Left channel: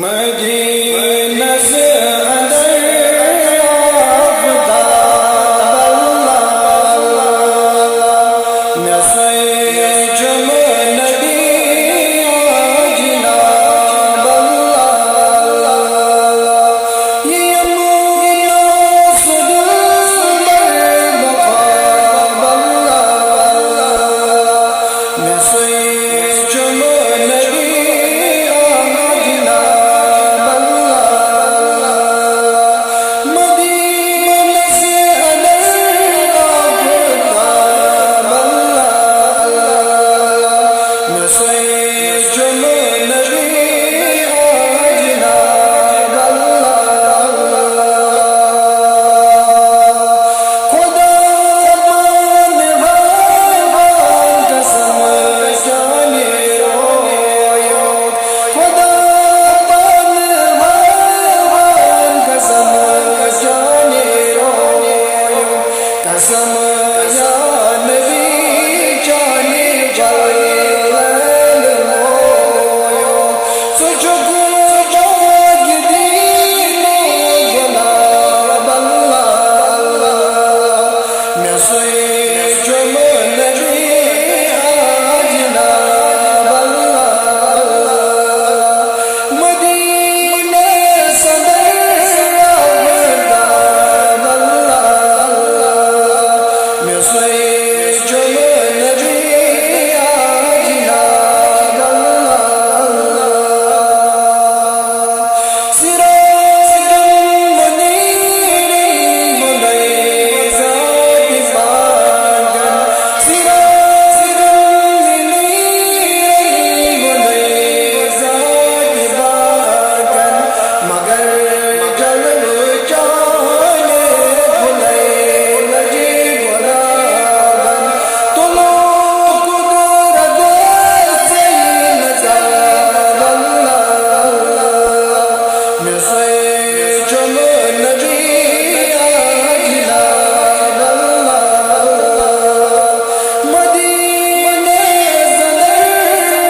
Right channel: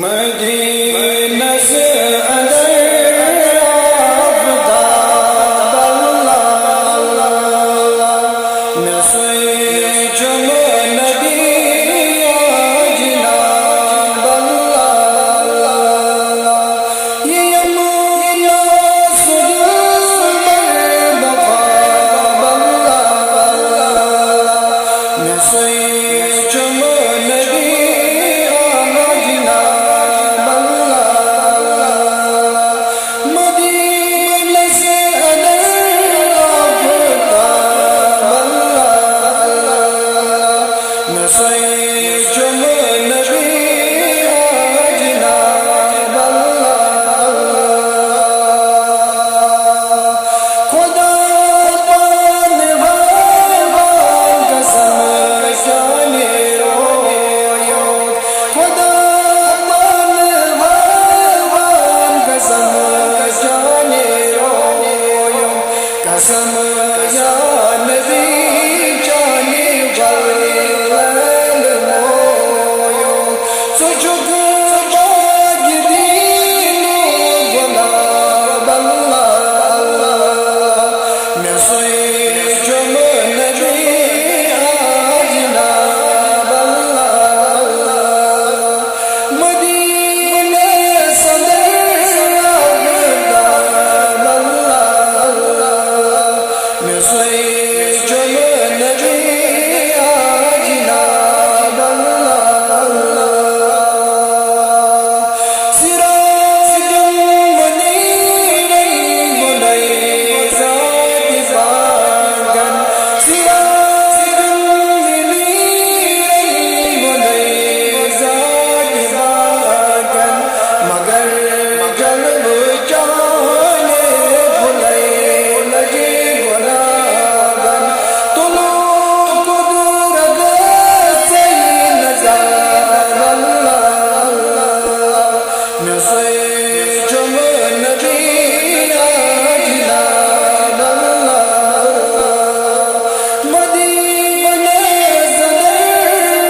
مدینہ سے اندر آفتاب اللہ نسوے جم نبی جناب اللہ یہ یمنا سدل بر بقاب اللہ نسوے جم نبی قسم یا نبی جانے والل مویو سجگ باج دینو گلاب اللہ اللہ میں سوئے جم نبی جناب اللہ اللہ مدینہ صدر آفتاب اللہ سوئے جم نبی جناب اللہ سراج منیر ملیزات باغن سراج منیر ملیزات باغن مگر جلو جانے بھلے لجے گلابن تلو قدرت سے نگاب اللہ میں سوئے جم نبی جناب اللہ مدینہ صدر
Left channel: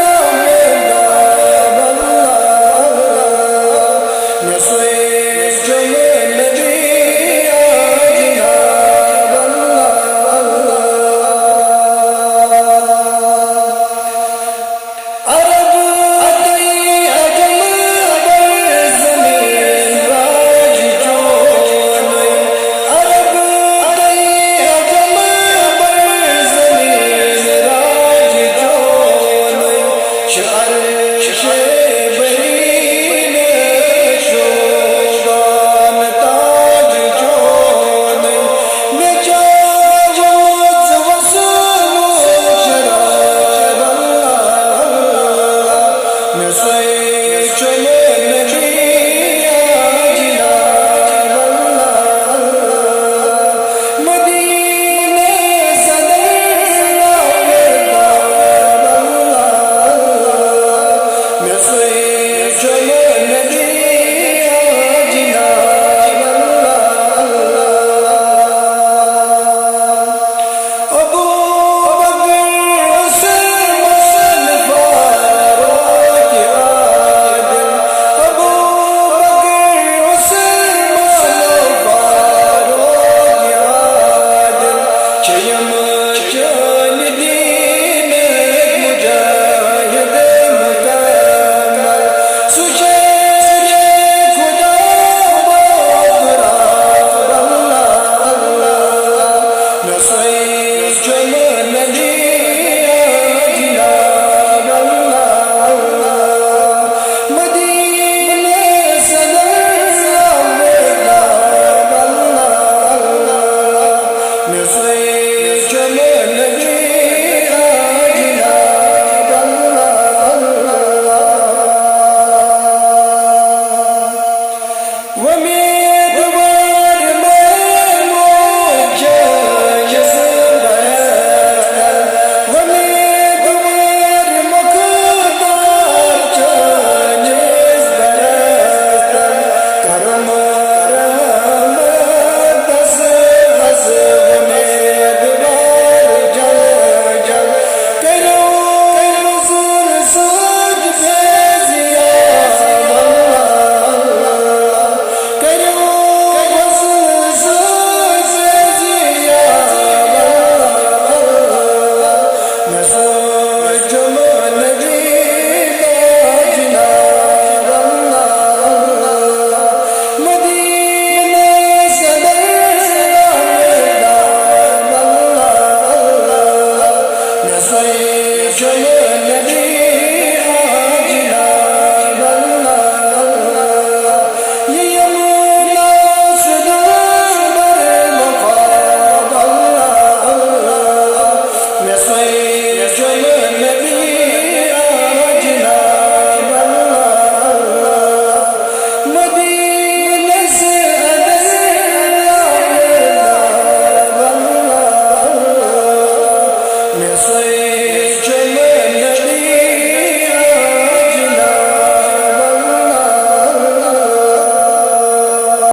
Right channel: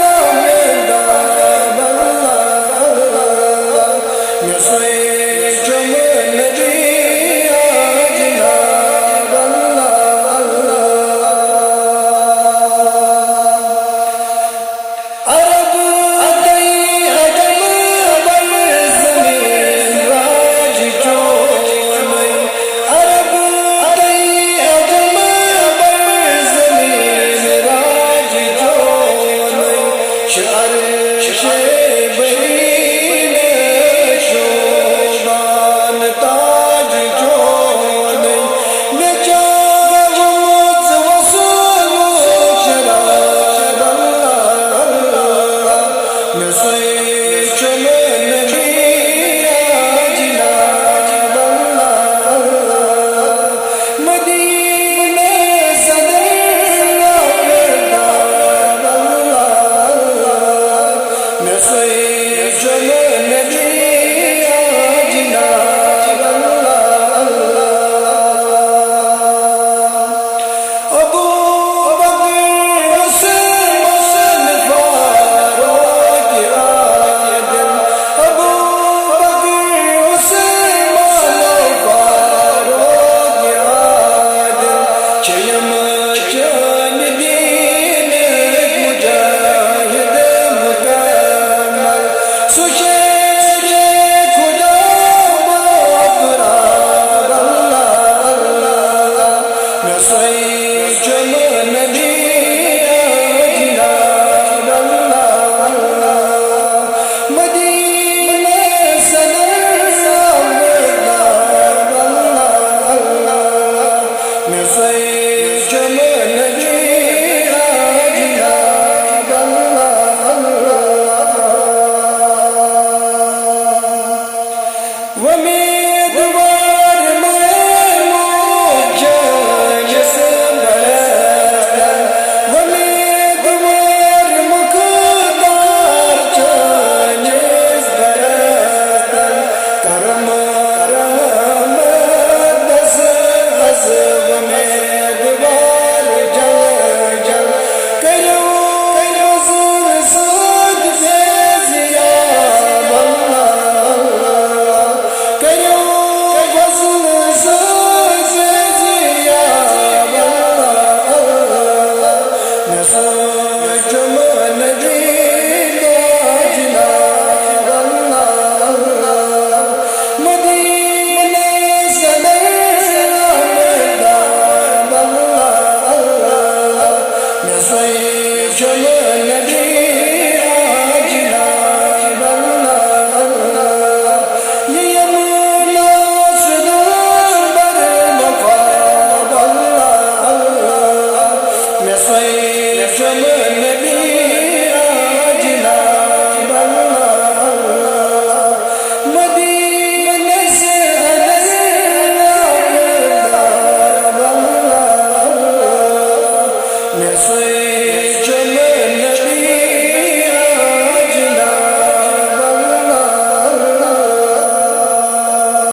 آفتاب اللہ میں سوئے جم نبی جناب اللہ عرب دئی عجم بر زمین راج چونئی عرب دئی عجم بر زمین راج چونئی عرش برین شوبان تاج چونئی میں جاؤں وصول شراب اللہ میں سوئے جم نبی جناب اللہ مدینہ صدر آفتاب اللہ میں سوئے جم نبی جناب اللہ ابو بکر عثمان فاروق عادل ابو بکر عثمان فاروق عادل چیم چان دین مجاہد مکمل سشیر خدا بہتراب اللہ اللہ میں سوئے جم نبی جناب اللہ مدینہ صدر آفتاب اللہ میں سوئے جم نبی جناب اللہ ومیدوار محمود جانس برستل ومیدوار مقدار جانس برستل کرم رحمت دس از ومیدوار جل 随着我那